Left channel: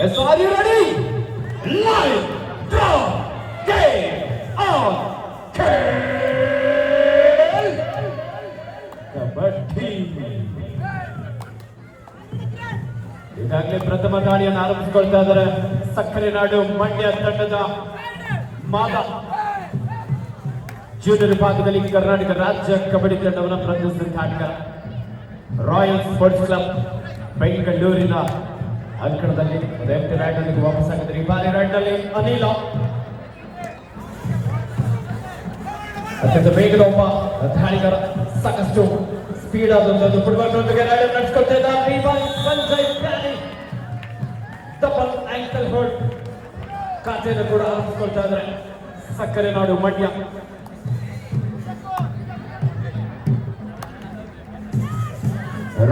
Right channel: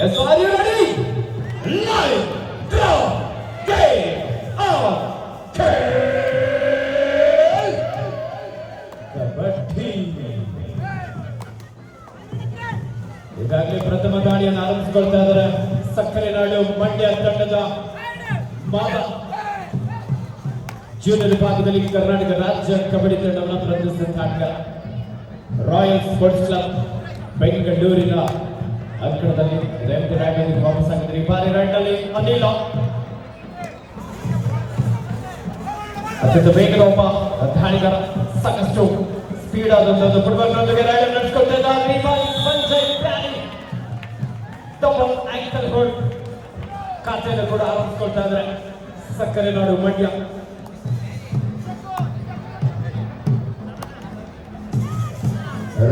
Yes, are you ready? Live, draw, game, on, kabaddi. ಈಗಾಗಲೇ ಪ್ರಥಮ ದಾಳಿಯನ್ನು ಆರಂಭಿಸಿಕೊಳ್ತಾ ಇದ್ದಾರೆ ಸಕ್ಕರೆ ನಾಡು ಮಂಡ್ಯ ತಂಡದ ಮಾದ. ಜೂನಿಯರ್ ವಿಭಾಗದಲ್ಲಿ ಕರ್ನಾಟಕ ರಾಜ್ಯ ಕಬಡ್ಡಿ ತಂಡವನ್ನು ಪ್ರತಿನಿಧಿಸಿದ ತಂಡ ರಾಯಲ್ ಸ್ಪೋರ್ಟ್ಸ್ ಕ್ಲಬ್ ಬೆಂಗಳೂರಿನ ಅಂಕಣದಲ್ಲಿ ಲೆಫ್ಟ್ ರೈಟ್ ನಲ್ಲಿ ವಾಪಸ್ ಆಗಿದ್ದಾರೆ. ಈ ಬಾರಿ ರೈಟ್ ನಲ್ಲಿ ಅನಿಲ ಅತ್ಯಂತ ವೇಗದ ಒಬ್ಬ ದಾಳಿಗಾರ, ಸಾಕಷ್ಟು ಸ್ಪೀಡ್ ಆದಂತದ್ದು ಫುಟ್ಬಾಲ್ನೊಂದಿಗೆ ರೈಡ್ ನಡೆಸಿಕೊಳ್ತಾ ಇದ್ದಾರೆ. ಈ ಬಾರಿ ಸಂಜಯ್ ಪ್ಯಾನಿ ಡಬಲ್ ಆಂಕಲ್ ಹೋಲ್ಡ್ ಖಾತೆಯನ್ನು ಕೂಡ ಆರಂಭಿಸಿಕೊಳ್ತಾ ಇದ್ದಾರೆ ಸಕ್ಕರೆ ನಾಡು ಮಂಡ್ಯ.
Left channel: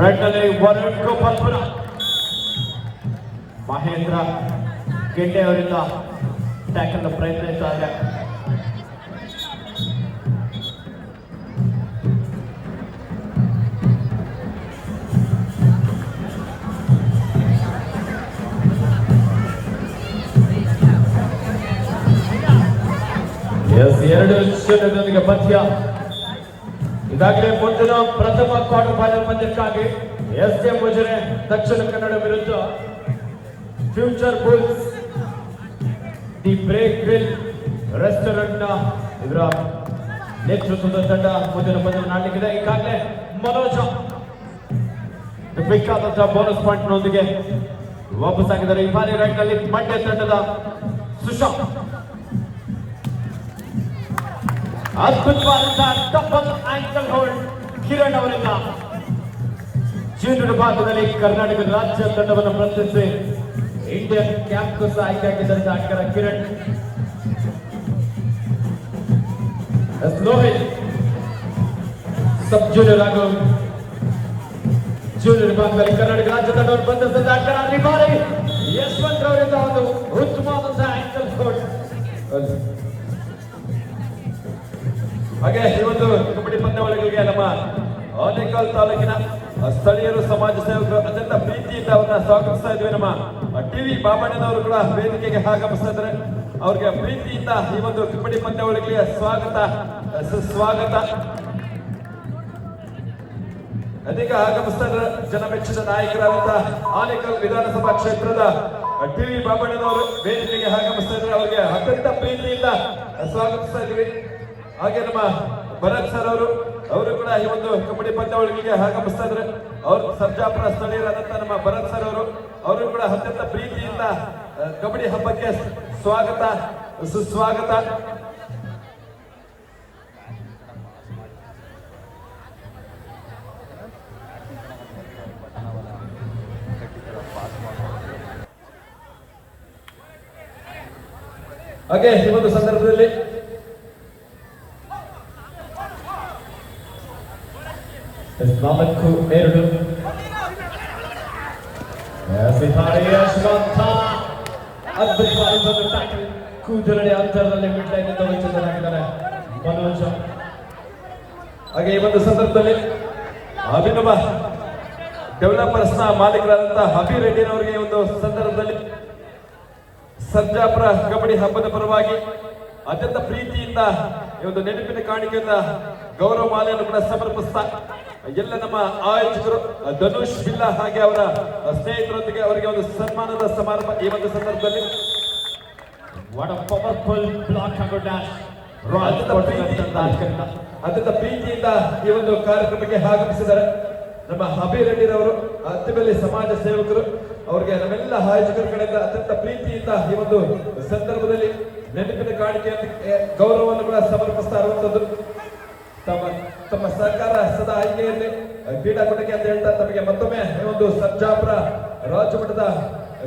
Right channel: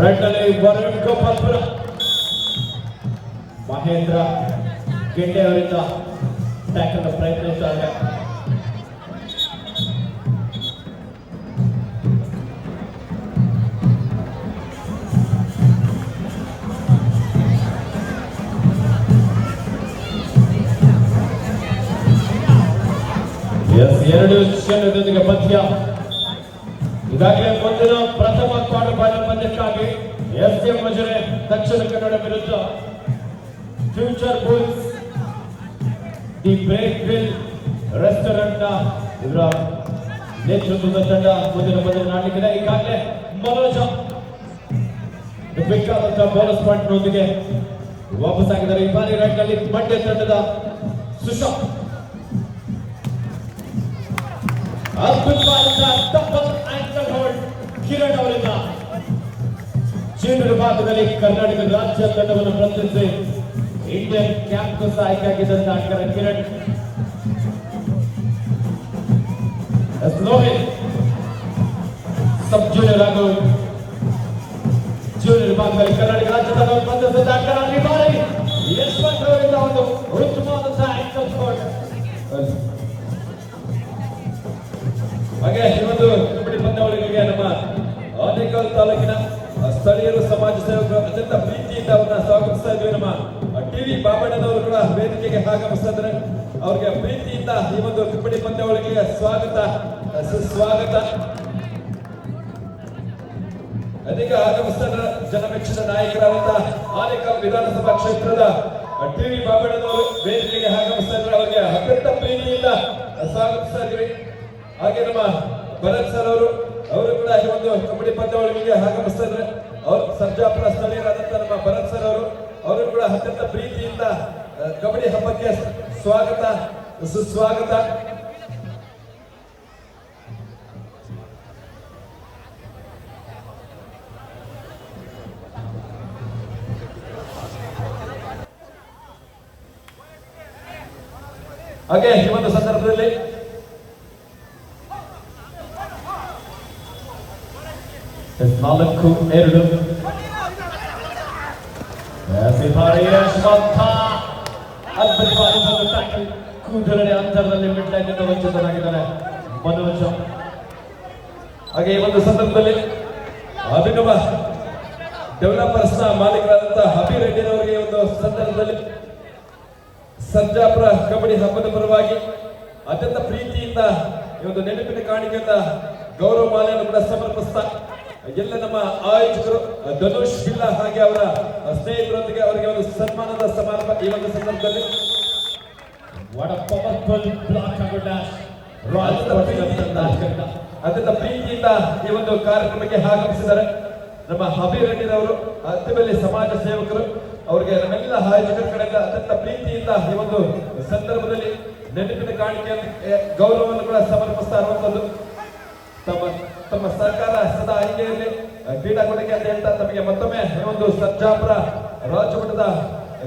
ರೈಟ್ ನಲ್ಲಿ ವರುಣ್ ಗೋಪಾಲ್ಪುರ ಮಹೇಂದ್ರ ಗೆಡ್ಡೆ ಅವರಿಂದ ಟ್ಯಾಕಲ್ ಪ್ರಯತ್ನಿಸುತ್ತಾರೆ. ಎರಡು ಶೂನ್ಯದೊಂದಿಗೆ ಪಂದ್ಯ. ಈಗಾಗಲೇ ಮುಂದಿನ ಪ್ರಥಮ ಕ್ವಾರ್ಟರ್ ಫೈನಲ್ ಪಂದ್ಯಕ್ಕಾಗಿ ಎಸ್ಕೆ ಮುಜರೆ ದಕ್ಷಿಣ ಕನ್ನಡ ವಿರುದ್ಧ Future Bulls the Break Grill restaurant ನ ಇವರ ನೇತೃತ್ವದ ತಂಡ ಮುಂದಿನ ಪಂದ್ಯವನ್ನು ಆಡಲಿಕ್ಕಿದೆ. ಈಗಾಗಲೇ ಮನೋಜ್ ಬೇಕಾದಂತಹ ಬೋನಸ್ ಪಾಯಿಂಟ್ ನೊಂದಿಗೆ ವಾಪಸ್ ಆಗಿದ್ದಾರೆ. ಈ ಬಾರಿ ರೈಟ್ ನಲ್ಲಿ ಮಂಡ್ಯ ತಂಡದ ಸುಶಾಂತ್ ಅದ್ಭುತವಾದಂತಹ ಡಬಲ್ ಆಂಕಲ್ ಹೋಲ್ಡ್ ಕಿರಣ್ ಅವರಿಂದ ಜೂನಿಯರ್ ವಿಭಾಗದಲ್ಲಿ ಕರ್ನಾಟಕ ರಾಜ್ಯ ತಂಡವನ್ನು ಪ್ರತಿನಿಧಿಸಿ ಇಂಡಿಯನ್ ಕ್ಯಾಂಪಸ್ ಆಯ್ಕೆಯಾಗಿದ್ದಂತಹ ಆಟಗಾರ ಕಿರಣ್. ಲೋಹಿತ್ ಸಬ್ ಜೂನಿಯರ್ ಹಾಗೂ ಜೂನಿಯರ್ ವಿಭಾಗದಲ್ಲಿ ಕರ್ನಾಟಕ ರಾಜ್ಯ ತಂಡವನ್ನು ಪ್ರತಿನಿಧಿಸಿದ ಆಟಗಾರ ಈ ಬಾರಿ ಯಶವಂತ್ ಅವರಿಂದ ಒಂದು ಉತ್ತಮವಾದಂತಹ ಆಂಕಲ್ ಹೋಲ್ಡ್. ಹಾಗೆ ಈ ಒಂದು ಕಬಡ್ಡಿ ಪಂದ್ಯಾವಳಿಗಳಿಗೆ ನಮ್ಮ ಆನೇಕಲ್ ತಾಲೂಕಿನ ಸ್ಥಳೀಯರು, ಸಮಾಜ ಸೇವಕರು ಅತ್ಯಂತ ಪ್ರೀತಿಯಿಂದ ಅವರನ್ನ ಸ್ವಾಗತಿಸ್ತಾ ಇದ್ವಿ. ನಮ್ಮ ಟಿವಿ ಬಾಬಣ್ಣನವರು ಕೂಡ ವೇದಿಕೆಗೆ ಆಗಮಿಸ್ತಾ ಇದ್ದಾರೆ. ಅವ್ರಿಗೆ ಪ್ರೀತಿಯಿಂದ ಈ ಒಂದು ಕಬಡ್ಡಿ ಪಂದ್ಯಾವಳಿಗಳಿಗೆ ಸ್ವಾಗತ ಸುಸ್ವಾಗತ. ಅದೀಗ ಆಗಮಿಸ್ತಾ ಜನಮೆಚ್ಚಿನ ನಾಯಕರಾದಂತಹ ಆನೇಕಲ್ ವಿಧಾನಸಭಾ ಕ್ಷೇತ್ರದ ಟಿವಿ ಬಾಬಣ್ಣನವರು ವೇದಿಕೆಗೆ ಆಗಮಿಸ್ತಾ ಇದ್ದಾರೆ. ಅವರಿಗೆ ಅತ್ಯಂತ ಪ್ರೀತಿಯಿಂದ ಸ್ವಾಗತಿಸ್ತಾ ಇದ್ವಿ. ಹಾಗೆ ನಮ್ಮ ಭರತ್ ಸರ್ ಅವರು ಕೂಡ ಈ ಒಂದು ಕಬಡ್ಡಿ ಪಂದ್ಯಾವಳಿಗೆ ಆಗಮಿಸ್ತಾ ಇದ್ದಾರೆ. ಅವರು ಸರ್ಜಾಪುರ ಸ್ಥಳೀಯರಾದಂತಹ ನಮ್ಮ ಭರತ್ ಸರ್ ಅವರು ಕೂಡ ಅತ್ಯಂತ ಪ್ರೀತಿಯಿಂದ ಕಬಡ್ಡಿ ಹಬ್ಬಕ್ಕೆ ಸ್ವಾಗತ ಸುಸ್ವಾಗತ. ಹಾಗೆ ಈ ಒಂದು ಸಂದರ್ಭದಲ್ಲಿ ನಾಲ್ಕು ಎರಡು ಕೂದಲಡಿ ಅಂತರದಲ್ಲಿ ಮಿಡ್ಲೈನ್ನಿಂದ ವಂಚಿತರಾಗಿದ್ದಾರೆ ಮನೋಜ್. ಹಾಗೆ ಈ ಒಂದು ಸಂದರ್ಭದಲ್ಲಿ ಅಭಿನವ ಡೆವಲಪರ್ಸ್ ನ ಮಾಲೀಕರಾದಂತಹ ಅಭಿ ರೆಡ್ಡಿನವರಿಗೆ ಈ ಒಂದು ಸಂದರ್ಭದಲ್ಲಿ ಸರ್ಜಾಪುರ ಕಬಡ್ಡಿ ಹಬ್ಬದ ಪರವಾಗಿ ಅತ್ಯಂತ ಪ್ರೀತಿಯಿಂದ ಈ ಒಂದು ನೆನಪಿನ ಕಾಣಿಕೆಯಿಂದ ಗೌರವ ಮಾಲೆಯನ್ನು ಕೂಡ ಸಮರ್ಪಿಸ್ತಾ ಎಲ್ಲ ನಮ್ಮ ಆಯೋಜಕರು ಧನುಷ್ ಜಿಲ್ಲಾ ಹಾಗೆ ಅವರ ಸ್ನೇಹಿತರೊಂದಿಗೆ ಅವರಿಗೆ ಒಂದು ಸನ್ಮಾನದ ಸಮಾರಂಭ ಈ ಒಂದು ಸಂದರ್ಭದಲ್ಲಿ ಅತ್ಯಂತ ಪ್ರೀತಿಯಿಂದ ಈ ಒಂದು ಕಾರ್ಯಕ್ರಮಕ್ಕೆ ಆಗಮಿಸಿದ್ದಾರೆ ನಮ್ಮ ಅಭಿ ರೆಡ್ಡಿರವರು, ಅತ್ತಿಬೆಲೆ ಸಮಾಜ ಸೇವಕರು. ಅವರಿಗೆ ನಮ್ಮೆಲ್ಲ ಆಯೋಜಕರ ಕಡೆಯಿಂದ ಅತ್ಯಂತ ಪ್ರೀತಿಯಿಂದ ಈ ಒಂದು ಸಂದರ್ಭದಲ್ಲಿ ನೆನಪಿನ ಕಾಣಿಕೆ ಗೌರವವನ್ನು ಕೂಡ ಸಮರ್ಪಿಸ್ತಾ ಇರುವಂತದ್ದು. ತಮ್ಮ ಸಹಕಾರ ಸದಾ ಆಯ್ಕೆಯಲ್ಲಿ ಕ್ರೀಡಾಪಟುಗೆ ಅಂತ ಹೇಳ್ತಾ ತಮಗೆ ಮತ್ತೊಮ್ಮೆ ಈ ಒಂದು ಸರ್ಜಾಪುರ ರಾಜ್ಯಮಟ್ಟದ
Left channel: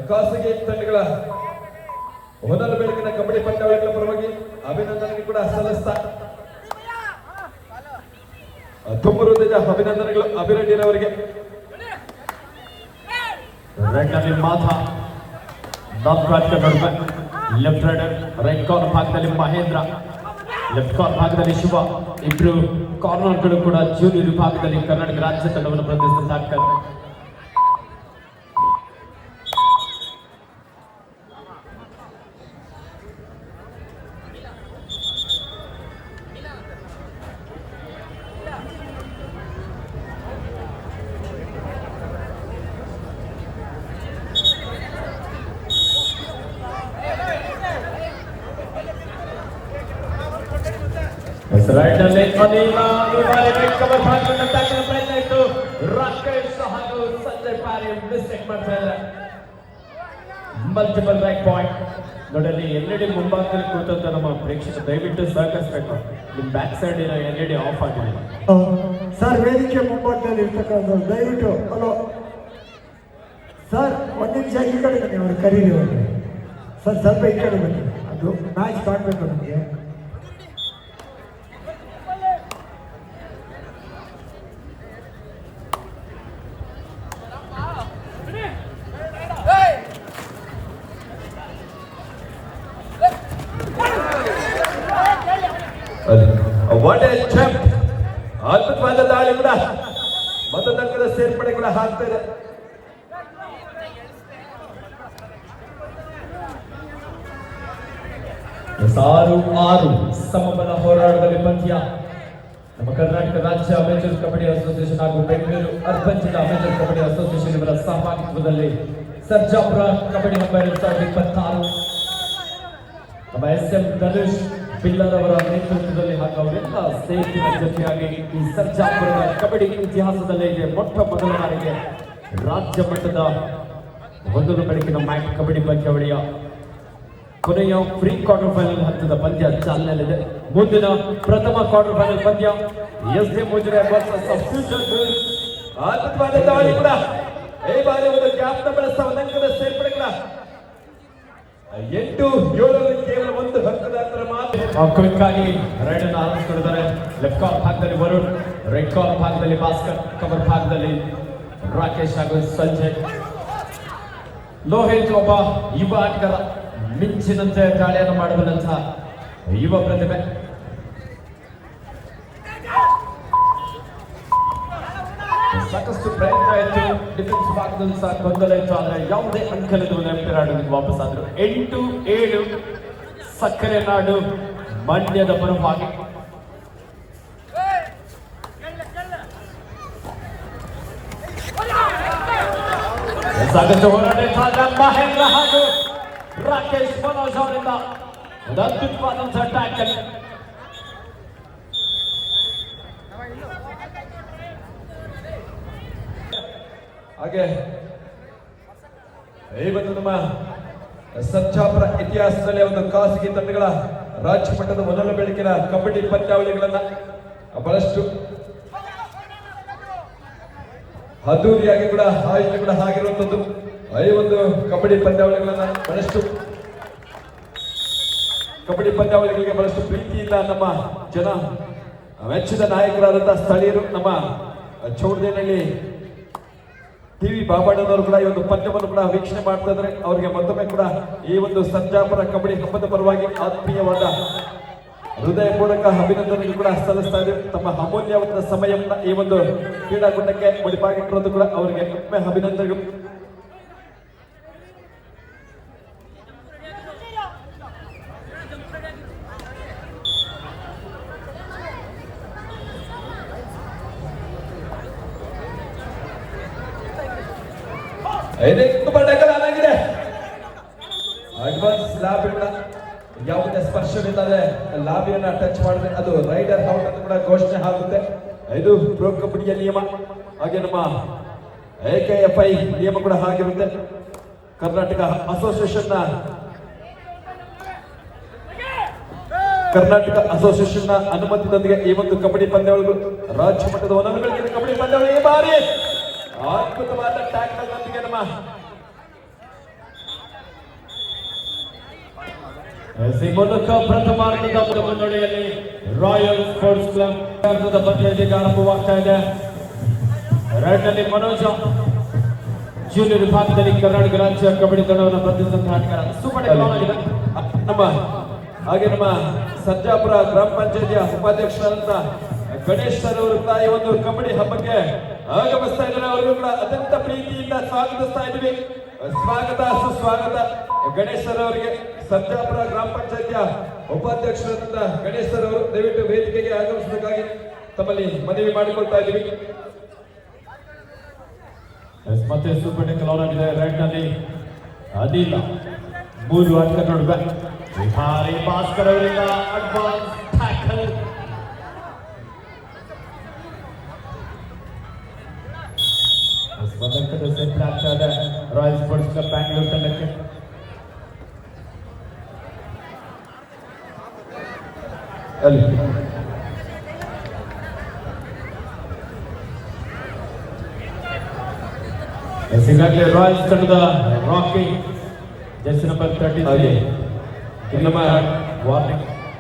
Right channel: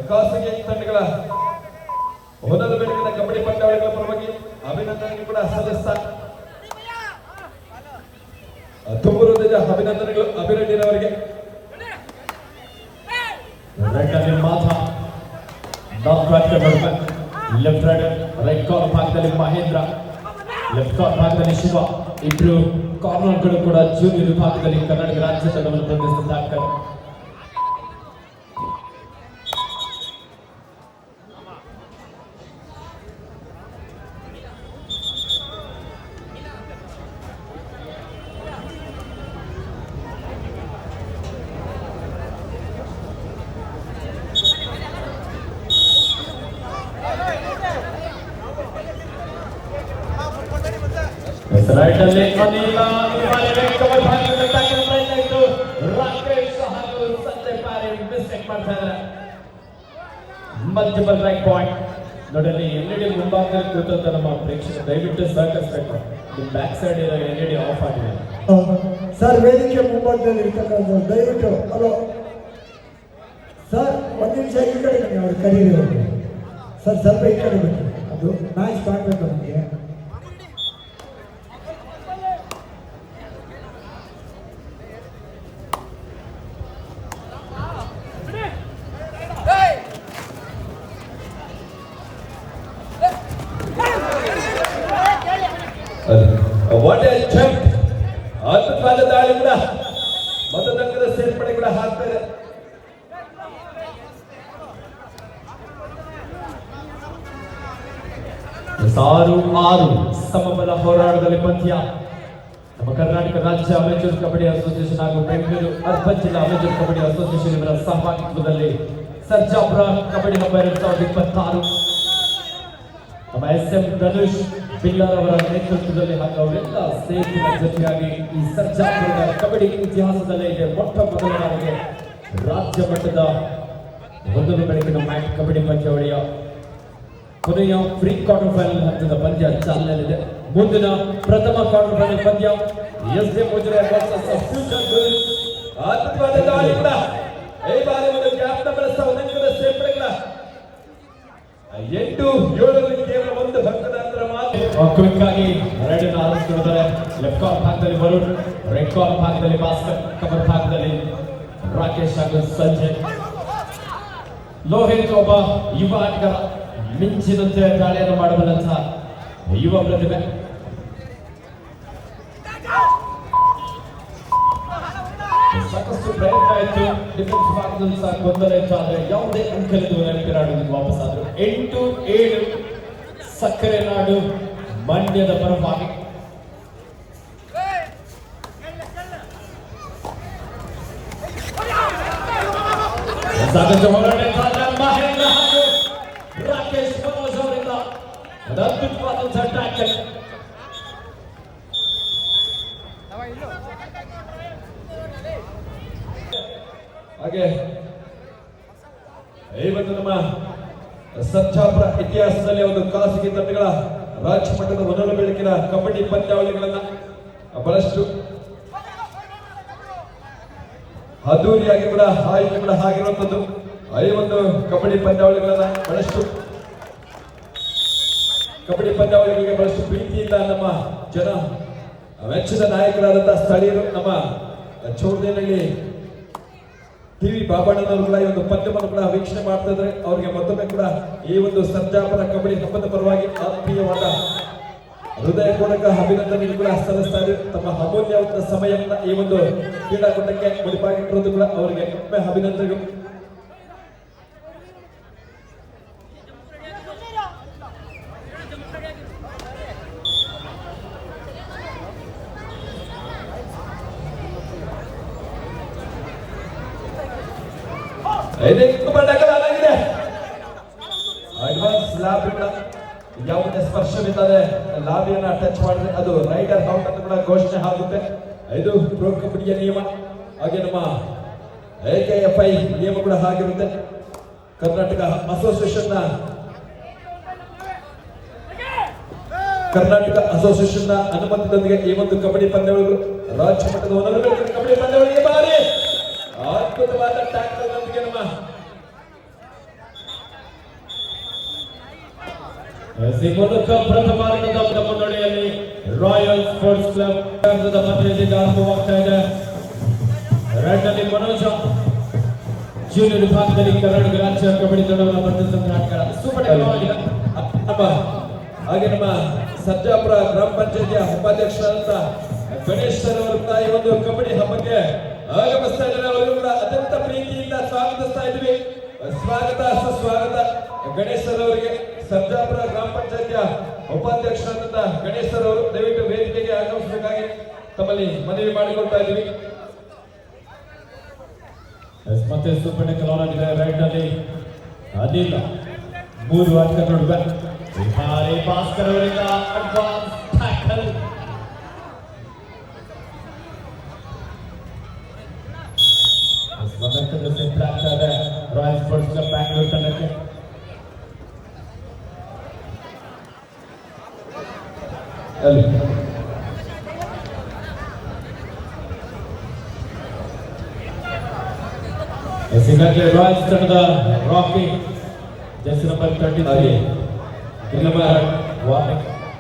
ಖಾಸಗಿ ತಂಡಗಳ ಹೊನಲ ಬೆಳಕಿನ ಕಬಡ್ಡಿ ಪಂದ್ಯಾವಳಿಗಳ ಪರವಾಗಿ ಅಭಿನಂದನೆ ಕೂಡ ಸಲ್ಲಿಸ್ತಾ ತುಂಬ ಹೃದಯದ ಅಭಿನಂದನೆಗಳು ಅಭಿನಂದನೆಯವರಿಗೆ. ಲೆಫ್ಟ್ ರೈಟ್ ಕಾರ್ನರ್ ಭಾಗದಲ್ಲಿ ಮಹೇಂದ್ರ, ಲೆಫ್ಟ್ ಕಾರ್ನರ್ ಭಾಗದಲ್ಲಿ ಶಿವ, ಇಬ್ರು ಕಾರ್ನರ್ಗಳು ಕೂಡ ಜೂನಿಯರ್ ವಿಭಾಗದಲ್ಲಿ ಕರ್ನಾಟಕ ರಾಜ್ಯ ತಂಡವನ್ನು ಪ್ರತಿನಿಧಿಸುತ್ತಾರೆ. ರೈಟ್ ಅಲ್ಲಿ ಅನಿಲ ಕವರ್ ಮಾಡಿಕೊಂಡು ಟ್ಯಾಕಲ್ ಪ್ರಯತ್ನ ಇತ್ತು. ರಾಕೇಶ್ ಹಾಗೂ ಸಂಜಯ್ ಪಾರೆ ಮಿಸ್ಟೇಕ್ ಮಾಡ್ತಾ ಇದ್ದಾರೆ. Multiple right point. ನೋಡಲಿ ಎಲ್ಇಡಿ ಮುಂಭಾಗದಲ್ಲಿ ಕೂತಂತ ನಮ್ಮ ಪ್ರೇಕ್ಷಕರು ದಯವಿಟ್ಟು ಸಹಕರಿಸಬೇಕು. ನಿಮ್ಮ ಬ್ಯಾಕ್ ಸೈಡ್ ಇದೆ ಎಲ್ಇಡಿ ಆಫ್ ಆಗಿದೆ ಸರ್. ವೇದಿಕೆ ಮುಂಭಾಗದಲ್ಲಿ ಇರ್ತಕ್ಕಂಥ ದಯವಿಟ್ಟು ಹಲೋ ಸರ್, ಒಂದು ನಿಮಿಷ ಈ ಕಡೆ ಅವ್ರು ಕರೀರಿ ಸರ್, ಸ್ವಲ್ಪ ಈ ಕಡೆ ಬನ್ನಿ. ಅದು ಮ್ಯಾಚ್ ಕಾಣಬೇಕು ನಮಗೆ. What A jump! ಅದ್ಭುತವಾದ ದಾಳಿ ಕೂಡ ಮತದಾರರ ಸೇರ್ಪಡೆ ಕೂಡ ಆಗ್ತಾ ಇದೆ. ಆರು ಸಮಬಲ ಹೋರಾಟದಲ್ಲಿ ಪಂದ್ಯ. ನಮ್ಮ ಕರ್ನಾಟಕ ರಾಜ್ಯ ಅಮೆಚೂರ್ ಕಬಡ್ಡಿ ಅಸೋಸಿಯೇಷನ್ ಹಾಗೂ ಬೆಂಗಳೂರು ಅರ್ಬನ್ ಜಿಲ್ಲಾ ಅಮೆಚೂರ್ ಕಬಡ್ಡಿ ಅಸೋಸಿಯೇಷನ್ ಇವರ ಸಹಭಾಗಿತ್ವದಲ್ಲಿ ಸರ್ಜಾಪುರ ಕಬಡ್ಡಿ ಹಬ್ಬ 2026 ನಮ್ಮ ಎಸ್.ಎಂ. ಧನುಷ್ ಪಿಲ್ಲರ್ ಅವರ ನೇತೃತ್ವದಲ್ಲಿ ಹಾಗೂ ಅವರೆಲ್ಲ ಸ್ನೇಹಿತರ ಜೊತೆಯಾಗಿ ಈ ಸರ್ಜಾಪುರದ ಕಬಡ್ಡಿ ಇತಿಹಾಸದಲ್ಲೇ ಇದೆ ಮೊಟ್ಟ ಮೊದಲ ಬಾರಿಗೆ ರಾಜ್ಯ ಮಟ್ಟದ ಮೊದಲು ಬೆಳಕಿನ ಮ್ಯಾಟ್ ಕಬಡ್ಡಿ ಪಂದ್ಯಾವಳಿಯ ಕೊನೆಯ ಪ್ರೀ ಕ್ವಾರ್ಟರ್ ಫೈನಲ್ ಹಂತದ ಪಂದ್ಯ ಚಾಲನೆಯಲ್ಲಿದೆ. ಮುಂದಿನ ಪ್ರಥಮ ಕ್ವಾರ್ಟರ್ ಫೈನಲ್ ಪಂದ್ಯ ಎಸ್.ಡಿ. ಮುಜರೆ ವರ್ಸಸ್ ಫ್ಯೂಚರ್ ಗರ್ಲ್ಸ್. ಅದ್ಭುತವಾದ ದಾಳಿ ಕೂಡ ಈ ಬಾರಿ ಒಂದು ಗ್ಯಾಪ್ ಬಳಸ್ತಾ ಒಂದಂಕದ ಸೇರ್ಪಡೆ ಕೂಡ 8-7 ಕೇವಲ ಒಂದು ಅಂಕದ ಅಂತರ ಮಾತ್ರ. ಕ್ವಿಕ್ ಆಗಿ ರೈಡ್ ಅನ್ನು ಆರಂಭಿಸಿದ್ದಾರೆ. ಲೆಫ್ಟ್ ಕಾರ್ನರ್ ಭಾಗದಲ್ಲಿ ವರುಣ್, ರೈಟ್ ಕಾರ್ನರ್ ಭಾಗದಲ್ಲಿ ಭಾಸ್ಕರ್, ಕವರ್ ಭಾಗದಲ್ಲಿ ರಾಕೇಶ್ ಹಾಗೂ ಸಂಜಯ್. ಲೋಹಿತ್ ಒಬ್ಬ ಯುವ ಆಟಗಾರ, ಮಿಂಚಿನಂತೆ ದಾಳಿಯನ್ನು ಮಾಡಬಲ್ಲಂತಹ ಯುವ ಪ್ರತಿಭೆ. ಸಾಕಷ್ಟು ಪ್ರಯತ್ನ ಇತ್ತು, ಡಿಫೆನ್ಸ್ ಭಾಗದಲ್ಲಿ ಸಹ ಗೊಂದಲ ಇತ್ತು, ಆದರೆ ಯಾವುದೇ ಅಂಕಲಿದ್ದು ನೆನಪಿರಾಡೋದಕ್ಕೆ ವಾಪಸ್ ಆದರು. 8-7 ಸಕ್ಕರೆ ನಾಡು ಮಂಡ್ಯದ ಪರವಾಗಿ. ಸಾಕಷ್ಟು ಹೋರಾಟ ಮಹೇಂದ್ರ ಹಾಗೂ ರಾಕೇಶ್ ಮನೋಜ್ ಅವರಿಂದ ಅದ್ಭುತವಾದಂತಹ ಟ್ಯಾಕಲ್. ಹಾಗೆ ಇವತ್ತು ನಮ್ಮ ಸರ್ಜಾಪುರ ಇತಿಹಾಸದಲ್ಲಿ ಒಂದು ಖಾಸಗಿ ತಂಡಗಳ ರಾಜ್ಯ ಮಟ್ಟದ ಮೊದಲ ಬೆಳಕಿನ ಕಬಡ್ಡಿ ಪಂದ್ಯಾವಳಿಗಳನ್ನ ಬಹಳಷ್ಟು ಅದ್ದೂರಿಯಾಗಿ ಕೂಡ ಆಯೋಜನೆ ಕೂಡ ಆಗಿರುವಂತದ್ದು. ಈ ಒಂದು ಕಬಡ್ಡಿ ಪಂದ್ಯಾವಳಿಗಳನ್ನ ಬಹಳಷ್ಟು ಕಬಡ್ಡಿ ಪಂದ್ಯಾವಳಿಗಳಿಗೆ ಬಹಳಷ್ಟು ಪ್ರೀತಿಯಿಂದ ನಮ್ಮ ಜನ ಮೆಚ್ಚಿದ ನಾಯಕರಾದಂತಹ ಸ್ಥಳೀಯರು ನಮ್ಮ ಚೌಡೇನಹಳ್ಳಿ ಟಿವಿ ಬಾಬಣ್ಣನವರು ಕೂಡ ಈ ಒಂದು ಪಂದ್ಯವನ್ನು ಕೂಡ ವೀಕ್ಷಣೆ ಮಾಡ್ತಾ ಇದ್ದಾರೆ. ಅವರಿಗೆ ಮತ್ತೊಮ್ಮೆ ಕೂಡ ಈ ಒಂದು ಸರ್ಜಾಪುರ ಕಬಡ್ಡಿ ಹಬ್ಬದ ಪರವಾಗಿ ಆತ್ಮೀಯವಾದ ಹೃದಯಪೂರ್ವಕ ಅಭಿನಂದನೆ ಕೂಡ ಸಲ್ಲಿಸ್ತಾ ಇದ್ದಾರೆ. ತಮ್ಮ ಅಮೂಲ್ಯವಾದ ಸಮಯವನ್ನು ಈ ಒಂದು ಕ್ರೀಡಾಕೂಟಕ್ಕೆ ಮುಡಿಪಾಗಿಟ್ಟಿರೋದು ಕೂಡ ಅವರಿಗೆ ಒಮ್ಮೆ ಅಭಿನಂದನೆಗಳು. ಯಾವುದೇ ಸ್ಪರ್ಶವಿಲ್ಲದೆ ಲಾಬಿಯನ್ನ ಟಚ್ ಮಾಡಿದ್ರೆ ಅದು ರೈಡರ್ ಔಟ್ ಅಂತ ಕೂಡ ಘೋಷಣೆ ಆಗುತ್ತೆ. ಇದು ಪ್ರೋ ಕಬಡ್ಡಿಯ ನಿಯಮ. ಹಾಗೆ ನಮ್ಮ AKFI ನಿಯಮ ಕೂಡ ಆಗಿರುತ್ತೆ. ಕರ್ನಾಟಕ ಅಸೋಸಿಯೇಷನ್ ನ ಅನುಮತಿಯೊಂದಿಗೆ ಈ ಒಂದು ಕಬಡ್ಡಿ ಪಂದ್ಯಾವಳಿಗಳು ರಾಜ್ಯ ಮಟ್ಟದ ಕಬಡ್ಡಿ ಪಂದ್ಯಾವಳಿ ಈ ಬಾರಿ ಅದ್ಭುತವಾದ ಟ್ಯಾಕಲ್ ನೊಂದಿಗೆ ನಮ್ಮ ಮೂಲಕ ಪ್ರಥಮ ಮುನ್ನಡೆಯಲ್ಲಿ ರಾಯಲ್ ಸ್ಪೋರ್ಟ್ಸ್ ಕ್ಲಬ್ ಪಂದ್ಯದಲ್ಲಿ ಆರಂಭವಾಗ್ತಾ ಇದೆ. ರೆಡ್ನಲ್ಲಿ ಮನೋಜ್ ಜೂನಿಯರ್ ವಿಭಾಗದಲ್ಲಿ ಕರ್ನಾಟಕ ರಾಜ್ಯ ಕಬಡ್ಡಿ ತಂಡವನ್ನು ಪ್ರತಿನಿಧಿಸುತ್ತಾರೆ. ಸೂಪರ್ ನಮ್ಮ ಹಾಗೆ ನಮ್ಮ ಸರ್ಜಾಪುರ ಗ್ರಾಮ ಪಂಚಾಯತಿಯ ಉಪಾಧ್ಯಕ್ಷರಾದಂತ ಗಣೇಶ್ ಅವರು ಕೂಡ ಈ ಒಂದು ಕಬಡ್ಡಿ ಹಬ್ಬಕ್ಕೆ ಆಗಮಿಸ್ತಾ ಇದ್ದಾರೆ. ಅವರಿಗೂ ಕೂಡ ಅತ್ಯಂತ ಪ್ರೀತಿಯಿಂದ ಸ್ವಾಗತಿಸ್ತಾ ಇದ್ದೀವಿ. ಸ್ವಾಗತ ಸುಸ್ವಾಗತ ಗಣೇಶ್ ಅವರಿಗೆ. ಸರ್ಜಾಪುರ ಗ್ರಾಮ ಪಂಚಾಯತಿಯ ಉಪಾಧ್ಯಕ್ಷರಾದಂತ ಗಣೇಶ್ ಅವರು ದಯವಿಟ್ಟು ವೇದಿಕೆಗೆ ಆಗಮಿಸಬೇಕಾಗಿ ತಮ್ಮಲ್ಲಿ ಮನವಿ ಮಾಡಿಕೊಳ್ತಾ ಇದ್ದೀವಿ. ಮತ್ತೆ ಸೂಪರ್ ಟೆಕ್ ಲೋನಾಗಿದೆ. ರೈಟ್ ನಲ್ಲಿ ಅನಿಲ್ 3 ಅಂಕ ನೋಡುವ ಭಾರಿ ಭಾಸ್ಕರ್ ಅವರಿಂದ ಅಡ್ವಾನ್ಸ್ ಟ್ಯಾಕಲ್ ಅಲ್ಲಿ ಈಗಾಗಲೇ ರಾಯಲ್ಸ್ ತಂಡದ ರಾಕಿ ಜೆರ್ಸಿ ನಂಬರ್ 33 ನಮ್ಮ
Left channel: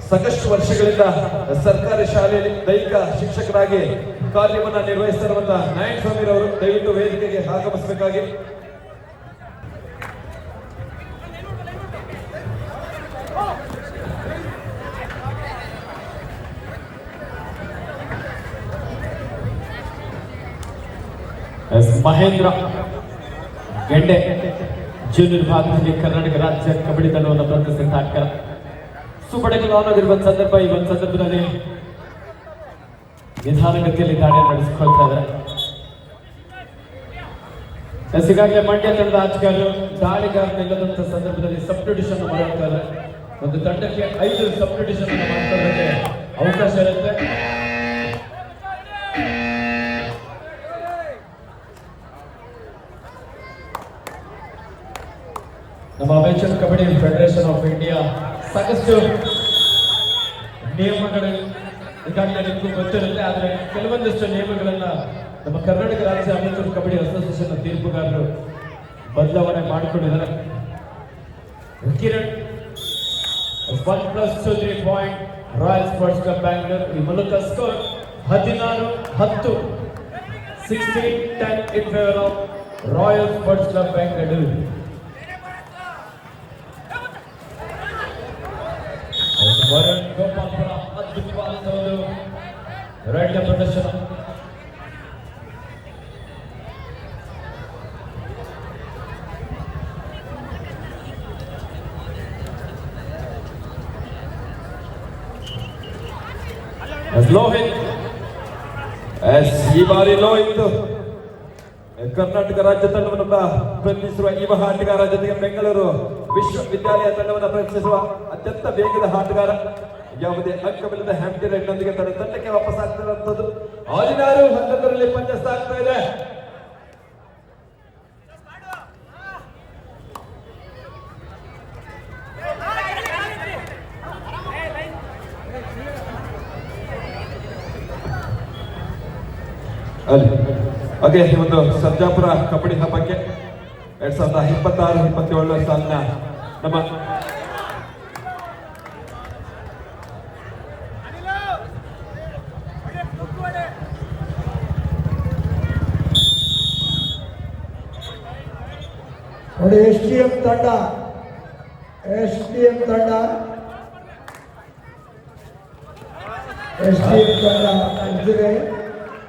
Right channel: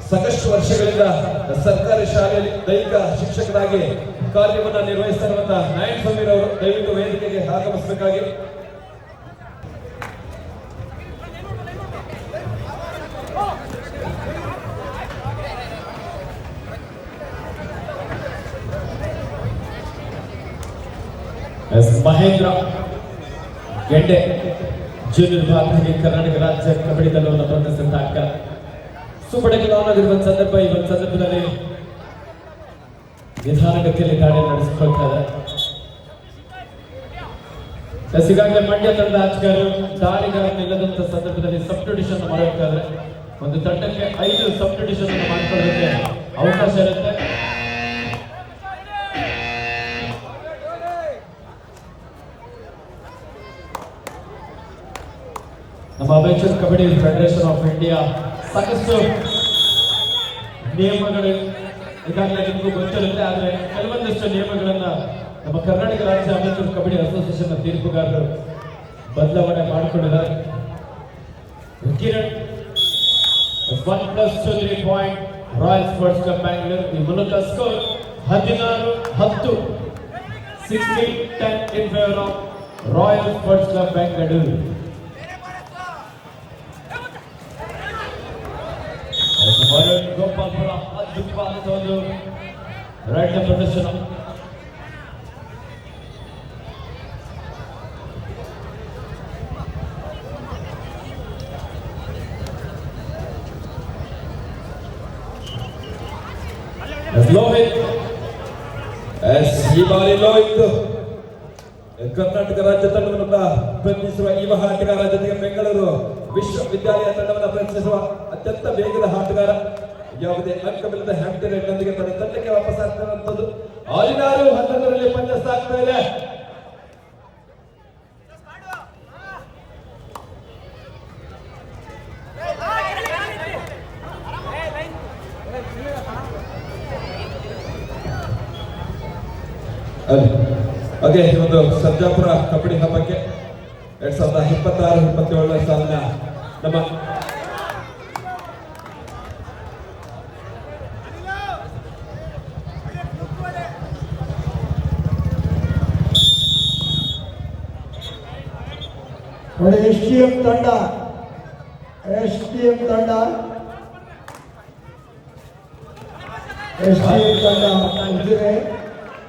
ಸಾಕಷ್ಟು ವರ್ಷಗಳಿಂದ ಸರ್ಕಾರಿ ಶಾಲೆಯಲ್ಲಿ ದೈಹಿಕ ಶಿಕ್ಷಕರಾಗಿ ಕಾರ್ಯವನ್ನು ನಿರ್ವಹಿಸ್ತಾ ಇರುವಂತಹ ನಾಯಕ್ ಸಮೀರ್ ಅವರು ದಯವಿಟ್ಟು ವೇದಿಕೆಗೆ ಆಗಮಿಸಬೇಕಾಗಿ. ಮಹೇಂದ್ರ ಗೆಡ್ಡೆ ಜೂನಿಯರ್ ವಿಭಾಗದಲ್ಲಿ ಕರ್ನಾಟಕ ರಾಜ್ಯ ಕಬಡ್ಡಿ ತಂಡವನ್ನು ಪ್ರತಿನಿಧಿಸಿದ ಆಟಗಾರ ಸುಬಡಗಲ್ ಆಗಿರುವ ಸಂದರ್ಭ ಈ ಒಂದು ಸಂದರ್ಭದಲ್ಲಿ ನಿಧಾನಗತಿಯಲ್ಲಿ ದಾಳಿ ನಡೆಸಿಕೊಳ್ತಾ ಇದ್ದಾರೆ. ಈಗಾಗಲೇ ಮಂಡ್ಯ ತಂಡದ ಆಟಗಾರರು ದಾಳಿಗಾರನಿಲ್ಲದಂತ ಸಂದರ್ಭದಲ್ಲಿ ಸಬ್ಸ್ಟಿಟ್ಯೂಷನ್ ಮಾಡುತ್ತಾರೆ. ಒಂದು ತಂಡಕ್ಕೆ 5 ಸಬ್ಸ್ಟಿಟ್ಯೂಷನ್ ಮಾಡಿಕೊಳ್ಳೋದಕ್ಕೆ ಅವಕಾಶ ಇರುತ್ತೆ. ನಮ್ಮ amateur kabaddi federation of India ಸಾಕಷ್ಟು ನಿಯಮಗಳು ಈಗಾಗಲೇ ನಿಮಗೂ ಗೊತ್ತಿರುತ್ತೆ. ಆದರೆ ಕೆಲವೊಂದಷ್ಟು ನಿಯಮಗಳನ್ನ ನಮ್ಮ ಕರ್ನಾಟಕ ರಾಜ್ಯ ಅಮೇಚರ್ ಕಬಡ್ಡಿ ಅಸೋಸಿಯೇಷನ್ ತೀರ್ಪುಗಾರರು ಬದಲಾವಣೆ ಮಾಡಿಕೊಂಡಿದ್ದಾರೆ. Kiran 1+2 3 point royal sports club Bangalore. ಈ ಮೂಲಕ score 16-10 16-10 in favour of royal sports club Bengaluru. Varun Gopalpura ಅದ್ಭುತವಾದ ಒಂದು ರೈಡ್ನ ಪ್ರದರ್ಶನ. ಲೋಹಿತ್ ಈ ಬಾರಿ ಲೋಹಿತ್ ಕರ್ನಾಟಕ ರಾಜ್ಯ ತಂಡವನ್ನು ಪ್ರತಿನಿಧಿಸುವ ಯುವ ಆಟಗಾರ, ಜೊತೆಗೆ ಬೆಂಗಳೂರು ವಿಶ್ವವಿದ್ಯಾಲಯ ತಂಡವನ್ನು ಪ್ರತಿನಿಧಿಸುವ ಅತ್ಯಂತ ವೇಗದ ಆಟಗಾರ. ಯಾವುದೇ ಅಂಕವಿಲ್ಲದ ಹ್ಯಾಂಟಿ ರೈಡ್ನೊಂದಿಗೆ ತನ್ನ ತಂಡಕ್ಕೆ ವಾಪಸ್ ಆಗ್ತಿರುವಂತದ್ದು. 16-11ರಲ್ಲಿ ಪಂಚಸ್ ಆಗ್ತಾ ಇದೆ. ಹಾಗೆ ಒಂದು ಸರ್ಜಾಪುರ ಕಬಡ್ಡಿ ಹಬ್ಬಕ್ಕೆ 2026-27 ಸಾಲಿನ ನಮ್ಮ STM ತಂಡ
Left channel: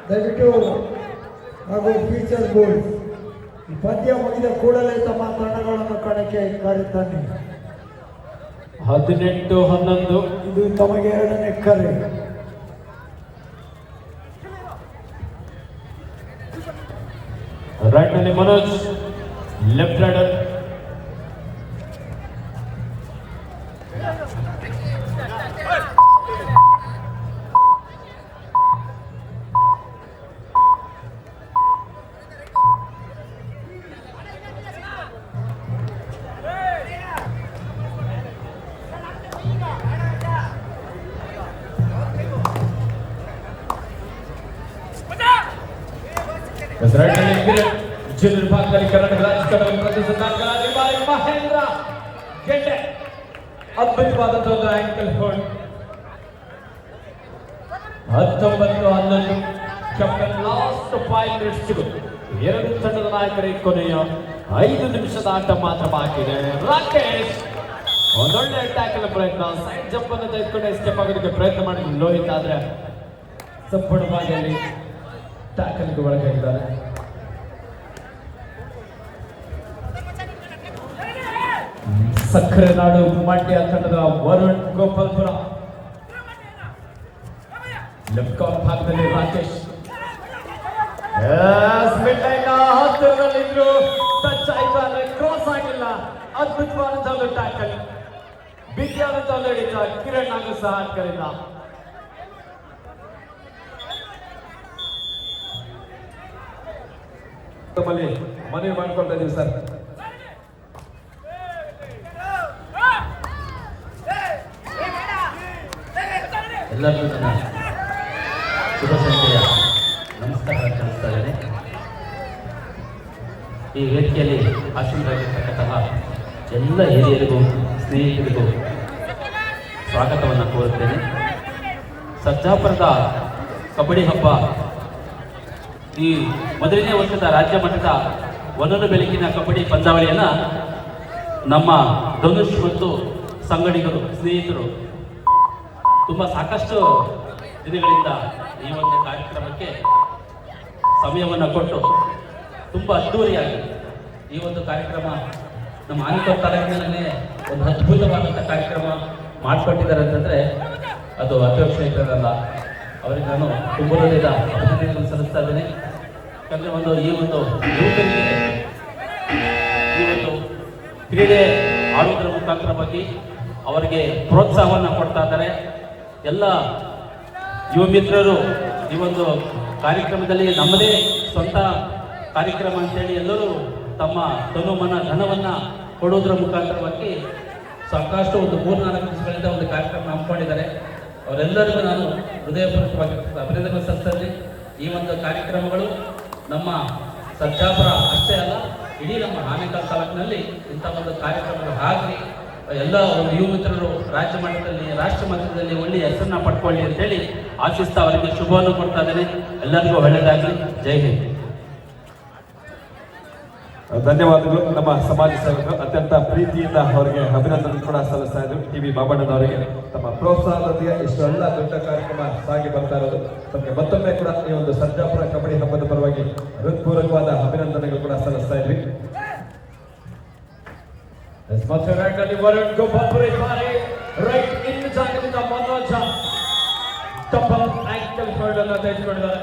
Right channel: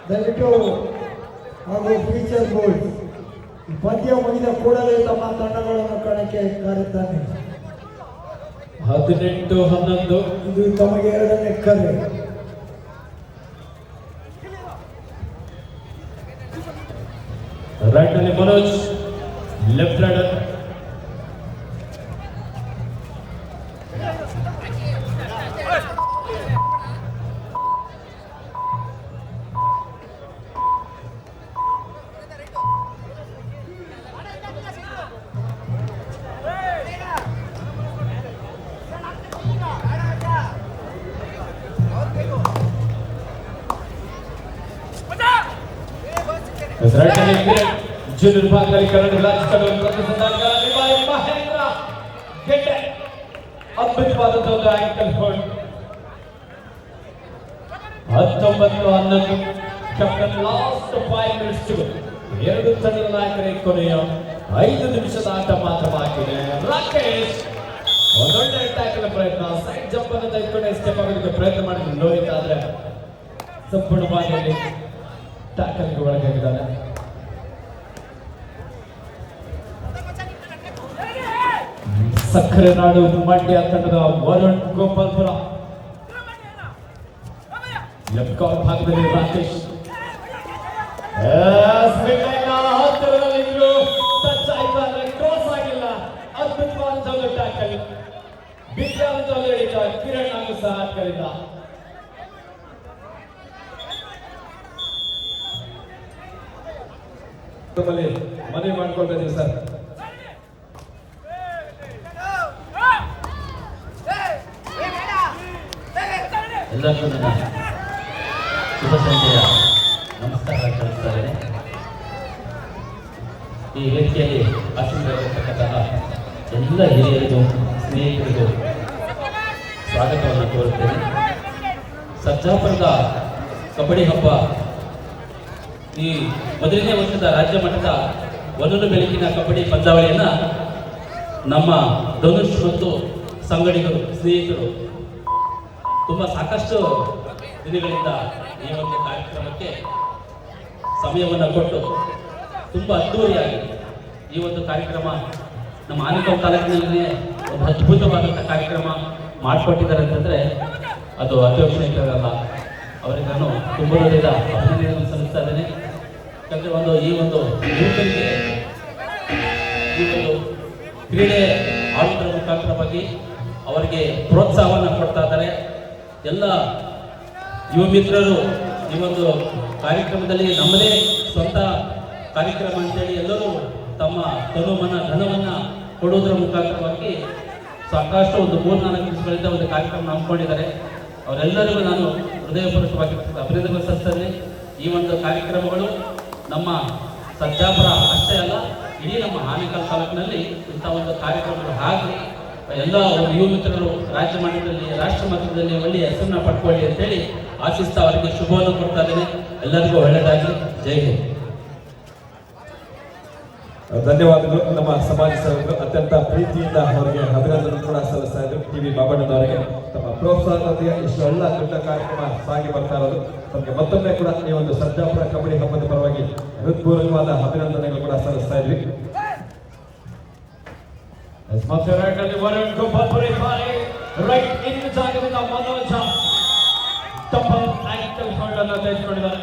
ದಯವಿಟ್ಟು ಹಾಗೂ ಫೀಚರ್ ಗೋಲ್ಸ್ ಪಂದ್ಯ ಮುಗಿದ ಕೂಡಲೇ ತಮ್ಮ ತಂಡಗಳನ್ನು ಕಣಕ್ಕೆ ಕರೆಯುತ್ತಾನೆ. 18-11 ಇದು ತಮಗೆ 2ನೇ ಕರೆ. ರೈಟ್ ನಲ್ಲಿ ಮನೋಜ್, ಲೆಫ್ಟ್ ರೈಡರ್ ಜೂನಿಯರ್ ವಿಭಾಗದಲ್ಲಿ ಕರ್ನಾಟಕ ರಾಜ್ಯ ತಂಡವನ್ನು ಪ್ರತಿನಿಧಿಸಿದ ಮಹೇಂದ್ರ ಗೆಡ್ಡೆ. ಅದ್ಭುತವಾದಂತಹ ಒಂದು ankle hold. 19-11 captain last 5 minutes. ಎರಡು ತಂಡದ ನಾಯಕರೇ ಕೊನೆಯ 5 ನಿಮಿಷದ ಆಟ ಮಾತ್ರ ಬಾಕಿ ಇದೆ. ರಾಕೇಶ್ ಒಂದೊಳ್ಳೆ ಟ್ಯಾಕಲ್ ಪ್ರಯತ್ನ, ಸೈಡ್ ಜಂಪ್ ಅನ್ನು ತೆಗೆದುಕೊಂಡು ಎಸ್ಕೇಪ್ ಆಗೋದಕ್ಕೆ ಪ್ರಯತ್ನ ಮಾಡಿದ್ರು ಲೋಹಿತ್. ಆದ್ರೆ ಸಂಪೂರ್ಣವಾಗಿ ಟ್ಯಾಕಲ್ಗೆ ಒಳಗಾಗಿದ್ದಾರೆ. ಸಕ್ಕರೆ ನಾಡು ಮಂಡ್ಯ ತಂಡದ ವರುಣ್ ಗೋಪಾಲ್ಪುರ. ಲೆಫ್ಟ್ ಕಾರ್ನರ್ ಭಾಗದಲ್ಲಿ ರಾಕೇಶ್ ಹತ್ತಿರದಲ್ಲಿದ್ರು, ಟಚ್ ಆಯ್ತು ಅಂದ್ರೆ ಕ್ರಾಸ್ ಆಗಿಲ್ಲ. ಅದ್ಭುತವಾದ ಟ್ಯಾಕಲ್, ಬಿಗಿಯಾದ ಹಿಡಿತ ಕಿರಣ್ ಹಾಗೂ ಸಹ ಕರೆದ. ಮನವಿ ಮಾಡ್ಕೊಳ್ತಾ ಇದೀವಿ ಸರ್. ಎಲ್ಲರಿಗೂ ನನ್ನ ಶುಭ ಸಂಜೆಯ ನಮಸ್ಕಾರ ತಿಳಿಸ್ತಾ ಇದ್ದೇನೆ. ಈ ವೇದಿಕೆಯಲ್ಲಿ ಆಶೀರ್ವದಿರ್ತಕ್ಕಂತಹ ಎಲ್ಲ ಹಿರಿಯರಿಗೂ ಸ್ನೇಹಿತರಿಗೂ ಸ್ವಾಗತವನ್ನು ಕೋರುತ್ತೇನೆ. ಸರ್ಜಾಪುರದ ಕಬಡ್ಡಿ ಹಬ್ಬ ಈ ಮೊದಲನೇ ವರ್ಷದ ರಾಜ್ಯ ಮಟ್ಟದ ಒಂದೊಂದು ಬೆಳಕಿನ ಕಬಡ್ಡಿ ಪಂದ್ಯಾವಳಿಯನ್ನು ನಮ್ಮ ಧನುಷ್ ಮತ್ತು ಸಂಗಡಿಗರು ಸ್ನೇಹಿತರು ತುಂಬ ಸಾಕಷ್ಟು ದಿನಗಳಿಂದ ಈ ಒಂದು ಕಾರ್ಯಕ್ರಮಕ್ಕೆ ಸಮಯವನ್ನು ಕೊಟ್ಟು ತುಂಬ ಅದ್ದೂರಿಯಾಗಿ ಈ ಒಂದು ಕಾರ್ಯಕ್ರಮ ನಮ್ಮ ಆನೇಕಲ್ ತಾಲೂಕಿನಲ್ಲಿ ಒಂದು ಅದ್ಭುತವಾದಂಥ ಕಾರ್ಯಕ್ರಮ ಮಾಡಿಕೊಟ್ಟಿದ್ದಾರೆ ಅಂತಂದರೆ ಅದು ಅತ್ಯವಶ್ಯಕರಲ್ಲ. ಅವರಿಗೆ ನಾನು ತುಂಬ ಅಭಿನಂದನೆಗಳನ್ನು ಸಲ್ಲಿಸ್ತಾ ಇದ್ದೇನೆ. ಯಾಕಂದರೆ ಈ ಒಂದು ಯುವಕರಿಗೆ ಈ ಒಂದು ಕ್ರೀಡೆ ಆಡೋದ್ರ ಮುಖಾಂತರ ಬಗ್ಗೆ ಅವರಿಗೆ ಪ್ರೋತ್ಸಾಹವನ್ನು ಕೊಡ್ತಾ ಇದ್ದಾರೆ. ಎಲ್ಲ ಯುವ ಮಿತ್ರರು ಈ ಒಂದು ಕಾರ್ಯಕ್ರಮದಲ್ಲಿ ನಮ್ಮದೇ ಸ್ವಂತ ಕಾರ್ಯಕ್ರಮ ಅಂತೇಳಿ ಎಲ್ಲರೂ ತಮ್ಮ ತನು ಮನ ಧನವನ್ನು ಕೊಡೋದ್ರ ಮುಖಾಂತರವಾಗಿ ಸಾಕಷ್ಟು ಒಂದು 3-4 ದಿವಸಗಳಿಂದ ಒಂದು ಕಾರ್ಯಕ್ರಮ ಹಮ್ಮಿಕೊಂಡಿದ್ದಾರೆ. ಅವರೆಲ್ಲರಿಗೂ ನಾನು ಹೃದಯಪೂರ್ವಕವಾಗಿ ಅಭಿನಂದನೆ ಸಲ್ಲಿಸ್ತೀನಿ. ಈ ಒಂದು ಕಾರ್ಯಕ್ರಮಗಳು ನಮ್ಮ ಸರ್ಜಾಪುರ ಅಷ್ಟೇ ಅಲ್ಲ, ಇಡೀ ನಮ್ಮ ಆನೇಕಲ್ ತಾಲೂಕಿನಲ್ಲಿ ಇಂಥ ಒಂದು ಕಾರ್ಯಕ್ರಮಗಳು ಆಗಲಿ, ಎಲ್ಲ ಯುವ ಮಿತ್ರರು ರಾಜ್ಯ ಮಟ್ಟದಲ್ಲಿ ರಾಷ್ಟ್ರ ಮಟ್ಟದಲ್ಲಿ ಒಳ್ಳೆಯ ಹೆಸರನ್ನ ಪಡ್ಕೊಳ್ಳಿ ಅಂತೇಳಿ ಆಶಿಸ್ತಾ ಅವರಿಗೆ ಶುಭವನ್ನು ಕೊಡ್ತಾ ಇದ್ದೇನೆ. ಎಲ್ಲರಿಗೂ ಒಳ್ಳೆಯದಾಗಲಿ. ಜೈ ಹಿಂದ್. ಧನ್ಯವಾದಗಳು. ನಮ್ಮ ಸಮಾಜ ಸೇವಕರು ಅತ್ಯಂತ ಪ್ರೀತಿಯಿಂದ ಅವರಿಗೆ ಅಭಿನಂದನೆ ಕೂಡ ಸಲ್ಲಿಸ್ತಾ ಇದ್ರು. ಟಿ.ವಿ. ಬಾಬಣ್ಣನವರಿಗೆ ತಮ್ಮ ಪ್ರೋತ್ಸಾಹದೊಂದಿಗೆ ಇಷ್ಟೆಲ್ಲ ದೊಡ್ಡ ಕಾರ್ಯಕ್ರಮ ಸಾಗಿ ಬರ್ತಾ ಇರೋದು ತಮಗೆ ಮತ್ತೊಮ್ಮೆ ಕೂಡ ಈ ಒಂದು ಸರ್ಜಾಪುರ ಕಬಡ್ಡಿ ಹಬ್ಬದ ಪರವಾಗಿ ಹೃತ್ಪೂರ್ವಕವಾದ ಅಭಿನಂದನೆಗಳು ಕೂಡ ಸಲ್ಲಿಸ್ತಾ ಇದ್ವಿ. ರೈಟ್ ಇನ್ ಜಾಗದಿಂದ ಮನೋಜ ಡಬಲ್ ಆಂಕಲ್ ಹೋಲ್ಡ್ ಅನ್ನು ತೆಗೆದುಕೊಂಡಿದ್ದಾರೆ.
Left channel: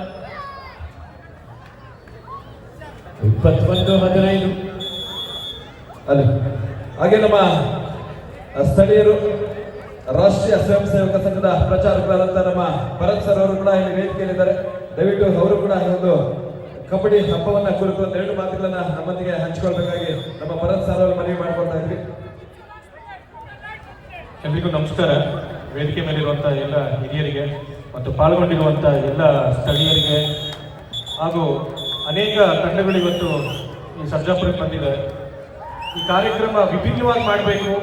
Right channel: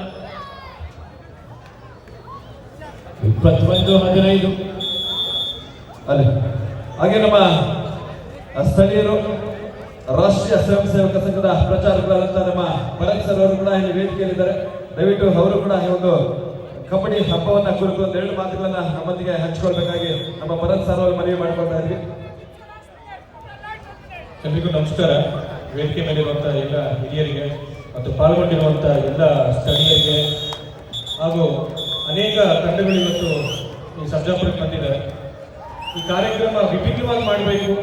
21-15 ಅಲ್ಲಿ ಹಾಗೆ ನಮ್ಮ ಸ್ಥಳೀಯರು ರಾಷ್ಟ್ರೀಯ ಸ್ವಯಂ ಸೇವಕ ಸಂಘದ ಪ್ರಚಾರಕರಾದಂತಹ ನಮ್ಮ ಭರತ್ ಸರ್ ಅವರು ಕೂಡ ಇಲ್ಲಿ ವೇದಿಕೆಯಲ್ಲಿದ್ದಾರೆ. ದಯವಿಟ್ಟು ಅವರು ಕೂಡ ಈ ಒಂದು ಕಬಡ್ಡಿ ಹಬ್ಬವನ್ನ ಕುರಿತು 2 ಮಾತುಗಳನ್ನ ನಮ್ಮೊಂದಿಗೆ ಹಂಚಿಕೊಳ್ಬೇಕಾಗಿ ನಮ್ಮ ಭರತ್ ಸರ್ ಅವರು ಮನವಿ ಮಾಡಿಕೊಳ್ತಾ ಇದ್ವಿ. ಎಲ್ರಿಗೂ ನಮಸ್ಕಾರ. ವೇದಿಕೆ ಮೇಲಿರುವಂತಹ ಎಲ್ಲ ಹಿರಿಯರಿಗೆ ಮತ್ತು ಪಾಲ್ಗೊಂಡಿರುವಂತಹ ಎಲ್ಲ ಸ್ಥಳೀಯರಿಗೆ ಹಾಗೂ ಅನೇಕ ತಂಡಗಳು ಇವತ್ತು ಈ ಸರ್ಜಾಪುರಕ್ಕೆ ಬಂದಿದ್ದಾರೆ. ಈ ಕಾರ್ಯಕ್ರಮ ವಿಭಿನ್ನವಾಗಿ ಮಾಡಬೇಕು.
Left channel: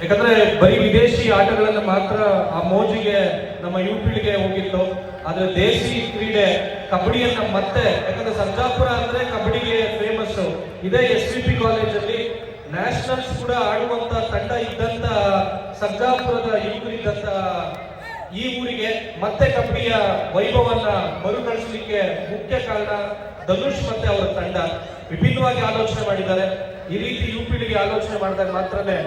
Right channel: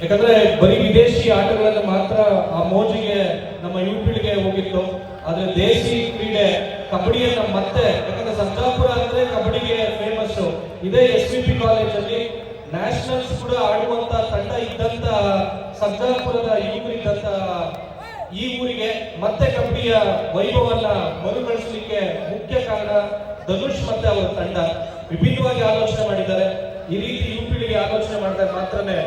ಯಾಕಂದ್ರೆ ಬರೀ ವಿದೇಶಿ ಆಟಗಳನ್ನು ಮಾತ್ರ ಆ ಮೋಜಿಗೆ ನಮ್ಮ ಯುವ ಪೀಳಿಗೆ ಹೋಗಿತ್ತು. ಆದ್ರೆ ದೇಶಿ ಕ್ರೀಡೆ ಕಬಡ್ಡಿಯನ್ನ ಮತ್ತೆ, ಯಾಕಂದ್ರೆ ಸರ್ಜಾಪುರ ಅಂದ್ರೆ ಕಬಡ್ಡಿಗೆ ಫೇಮಸ್. ಇದೇ SVP ಕಾಲೇಜಲ್ಲಿ ನ್ಯಾಷನಲ್ಸ್ ಕೂಡ ಆಡುವಂತ ತಂಡ ಇದ್ದಂತ ಸರ್ಜಾಪುರದ ಯುವಕರಿದ್ದಂತ ಈ ಊರಿಗೆ ಮತ್ತೆ ಕಬಡ್ಡಿಯ ವೈಭವನ್ನ ಮರುಕಳಿಸಲಿಕ್ಕೆ ಮುಖ್ಯ ಕಾರಣ ಧನುಷ್ ಮತ್ತೆ ಅವರ ತಂಡ ವಿಭಿನ್ನವಾಗಿ ಆಲೋಚನೆ ಮಾಡಿದ್ದಾರೆ. ಈ ರೀತಿ ಯುವ ಪೀಳಿಗೆ ಆಲೋಚನೆ ಮಾಡಿದಾಗ ಮಾತ್ರನೇ